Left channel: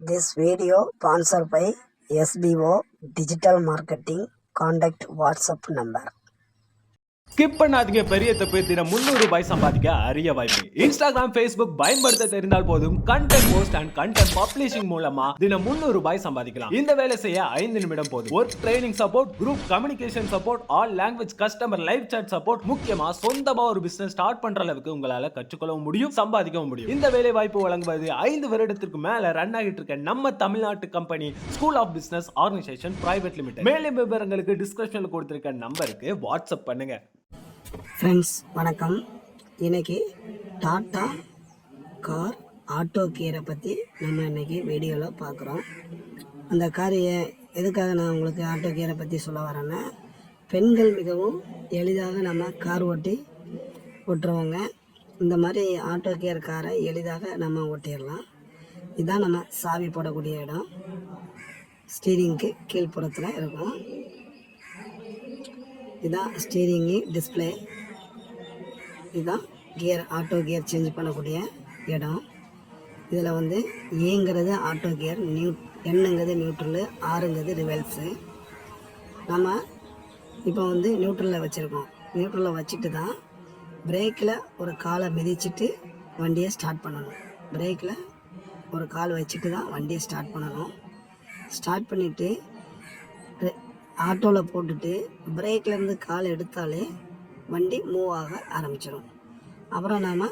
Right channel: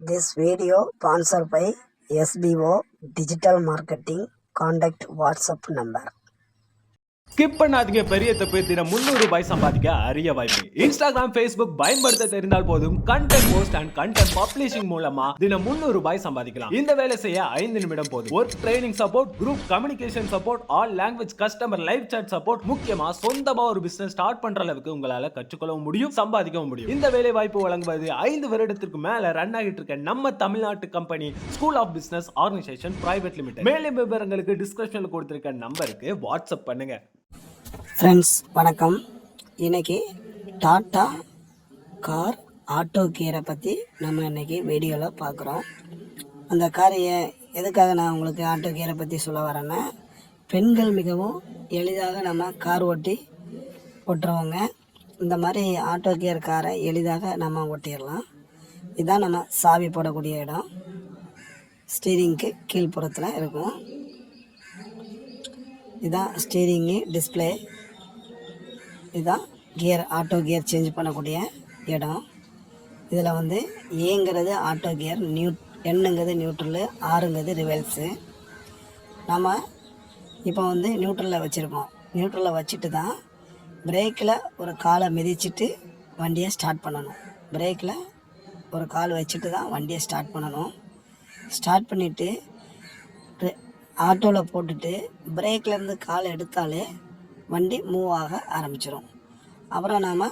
This video sponsored by SBO Digital Marketing. Contact WhatsApp number. Skip பண்ணாதீங்க. பெரிய தப்பு. தினம் 300 ரூபாய் சம்பாதிக்க அரிய வாய்ப்பு. இன்ஸ்டாகிராம், ஃபேஸ்புக் பயன்படுத்த தெரிந்தால் போதும் content post and content publishing மூலமா தினம் 300 ரூபாய் சம்பாதிக்கலாம். இந்த வேலை செய்ய 5 நிமிடம் போதும். Work training support, group communication support, all language customer live chat support, முக்கியமா சொந்தமா ஒரு பிசினஸ் ஸ்டார்ட் பண்ற அளவுக்கு உங்களால கற்றுக்கொள்ளவும் முடியும், சம்பாதிக்கவும் முடியும். இந்த வேலை வாய்ப்பு வழங்குவது 5 வருடத்திற்கு மேல ரன் ஆகிட்டு இருக்க நம்ம தமிழ்நாட்டு company school of business organization private limited. மேலும் விவரங்களுக்கு டிஸ்கிரிப்ஷன்ல கொடுத்திருக்க நம்பருக்கு வாட்ஸ்அப் பண்ணுங்க. ஃப்ரெண்ட்ஸ் வணக்கம். இன்றைக்கி டாட்டா கார் ஆட்டோ கியரை பற்றி நம்ம இன்றைக்கி வீடியோவில் பார்க்குறோம். அந்த கார் எதுக்காக நான் உங்களுக்கு ஆட்டோ கியரை பற்றி சொல்ல வரேன்னா, பெண்கள் மிகவும் எளிதாக நம்ம கார் ஓட்டுறவங்க இந்த மாதிரி ஆட்டோ கியர் காரை எளிதாக நம்ம ஓட்டிடலாம். இதுதான் நம்ம சாவி போடக்கூடிய இடம். ஸ்டீரிங்க்கு கீழ்ப்புறத்தில் இருக்கும். இதுதான் ஸ்டீரிங்கு டிஸ்பிளே. இதுதான் கியர், ஆட்டோ கியர் சேஞ்ச் பண்ணக்கூடிய இடம். இதில் ஏங்கிறது ஆட்டோ கியர், எண்ணுங்கிறது நியூட்ரலு, ஆறுங்கிறது ரிவல்ஸு. நம்ம இப்போ நியூட்ரலில் வச்சுருக்கோம். நியூட்ரலில் வச்சுட்டு தான் பிரேக்கில் ஒரு காலை மிதிச்சுட்டு வண்டியை ஸ்டார்ட் பண்ணணும். பிரேக்கில் ஒரு கால் வச்சுட்டு தான் வண்டியை ஸ்டார்ட் பண்ணணும். ஸ்டார்ட் பண்ணிவிட்டு ஆட்டோவில் போட்டுட்டு பிரேக்லேருந்து கால் எடுத்தாலே வண்டி மூவ் ஆக ஆரம்பிச்சிடும். அப்புறம் நாம்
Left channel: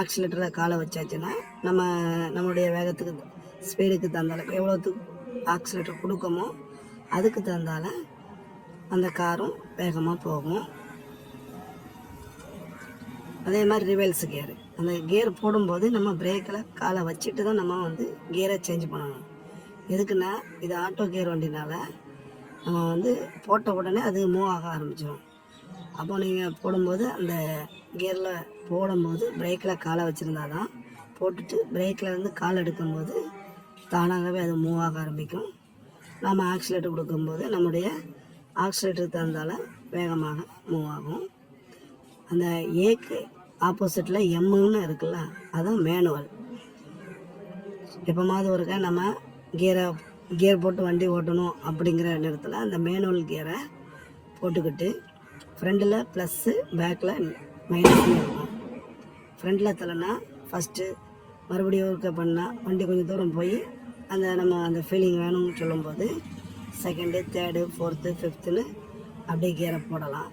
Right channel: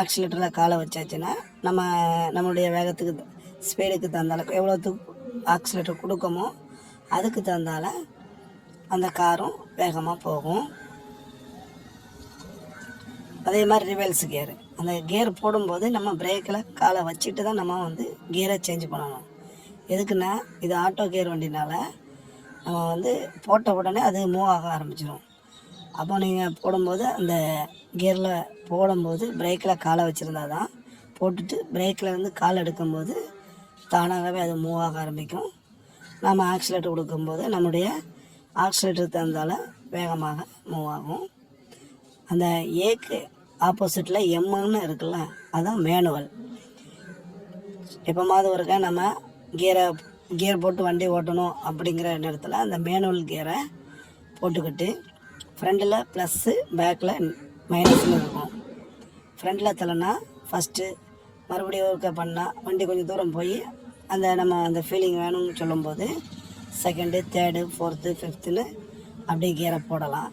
ஆக்சிலேட்டரில் காலை வச்சாச்சுன்னா நம்மளுடைய வேகத்துக்கு, ஸ்பீடுக்கு தந்தால, எவ்வளோத்துக்கு ஆக்சிலேட்டர் கொடுக்கமோ அதுக்கு தந்தால அந்த காரும் வேகமாக போகும். அதே மாதிரி ரிவல்ஸ் கியர், அந்த கியர் போடும்போது நம்ம பிரேக்கில் காலை வச்சுட்டு தான் நம்ம கியரை சேஞ்ச் பண்ணணும். எதுக்குன்னா இது ஆட்டோ கியர் வண்டினால நம்ம போட்ட உடனே அது மூவ் ஆக ஆரம்பிச்சிடும். அப்போ நீங்கள் போடும்போது அந்த கியரில் போடும்போது பிரேக்கில் காலை வச்சுருந்தா தான், போட்டுட்டு பிரேக்கில் கால் எடுக்கும்போது தானாகவே அது மூவ் ஆக ஆரம்பிக்கும். நம்ம ஆக்சிலேட்டர் கொடுக்கும்போது நம்முடைய ஆக்சிலேட்டர் தந்தால் வேகமாக மூவ் ஆகும். அந்த ஏக்கு ஆப்போசிட்டில் எம்முன்னு இருக்குல்ல, அதுதான் மேனுவல். எப்போமாவது ஒருக்கா நம்ம கியர் போட்டு வண்டி ஓட்டணும் அப்படிங்கிற நேரத்தில் அந்த மேனுவல் கியரை போட்டுக்கிட்டு ஃப்ரண்டில் ப்ளஸ்ஸு, பேக்கில் மைனஸ்னு இருக்கும். ஃப்ரண்டில் தள்ளனா ஃபஸ்ட்டு, மறுபடியும் ஒர்க்கை பண்ணால் வண்டி கொஞ்சம் தூரம் போய் நம்ம அந்த ஃபீலிங் வேணும்னு சொல்லும்போது செகண்டு, தேர்டு, ஃபோர்த்து, ஃபிஃப்த்துன்னு அப்படியே கியரை போடலாம்.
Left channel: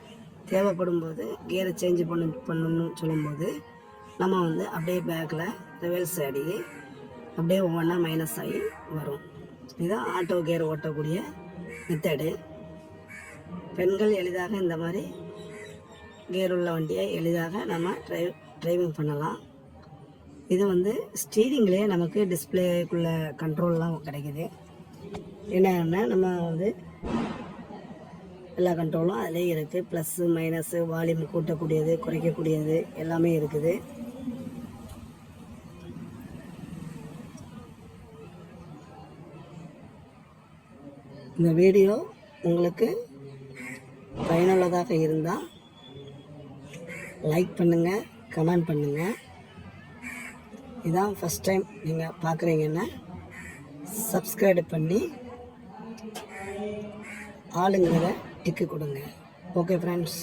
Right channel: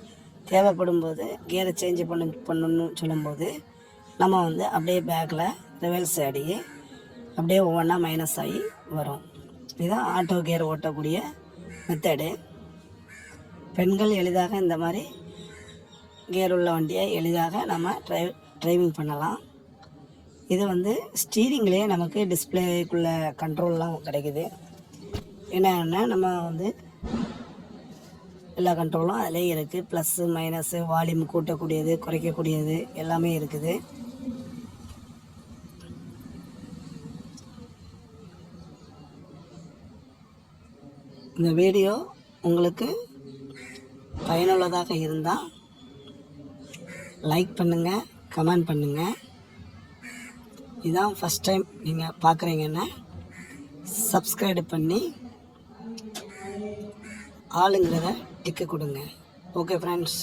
தேவைப்படும் போது கியரை சேஞ்ச் பண்ணணும்னு சொல்லும்போது நம்ம அப்படியே பேக்கில் ரிவல்ஸ் அடி அப்படியே ஒவ்வொன்றா மைனஸ் ஆகி வரும். இதுதான் ஆட்டோ கியர் ஓட்டக்கூடிய மெத்தடு. பெண்கள் எளிதாக இந்த மாதிரி கியர் உள்ள வண்டியை எளிதாக நம்ம டிரைவிங் பண்ணலாம். இது ஸ்டீரிங்லேயே நமக்கு டிஸ்பிளேக்குள்ள கண்ட்ரோல்லாம் கிடைக்குது. என்னென்னா நம்ம எல்லா கண்ட்ரோலும் அதிலே இருக்குது. ப்ளஸ்ஸு, மைனஸு, வால்யூம் கூட்டக்கூடியது, குறைக்கக்கூடியது எல்லாமே இருக்குது. இந்த வீடியோ உங்களுக்கு பயனுள்ளதாக இருந்தால் லைக் பண்ணுங்கள், கமெண்ட் பண்ணுங்கள். இதான் ஃபஸ்ட் டைம் நீங்கள் பார்க்குறீங்கன்னா சப்ஸ்கிரைப் பண்ணி ஆளுங்கிறத டிக்கு கொடுங்க. Okay friends.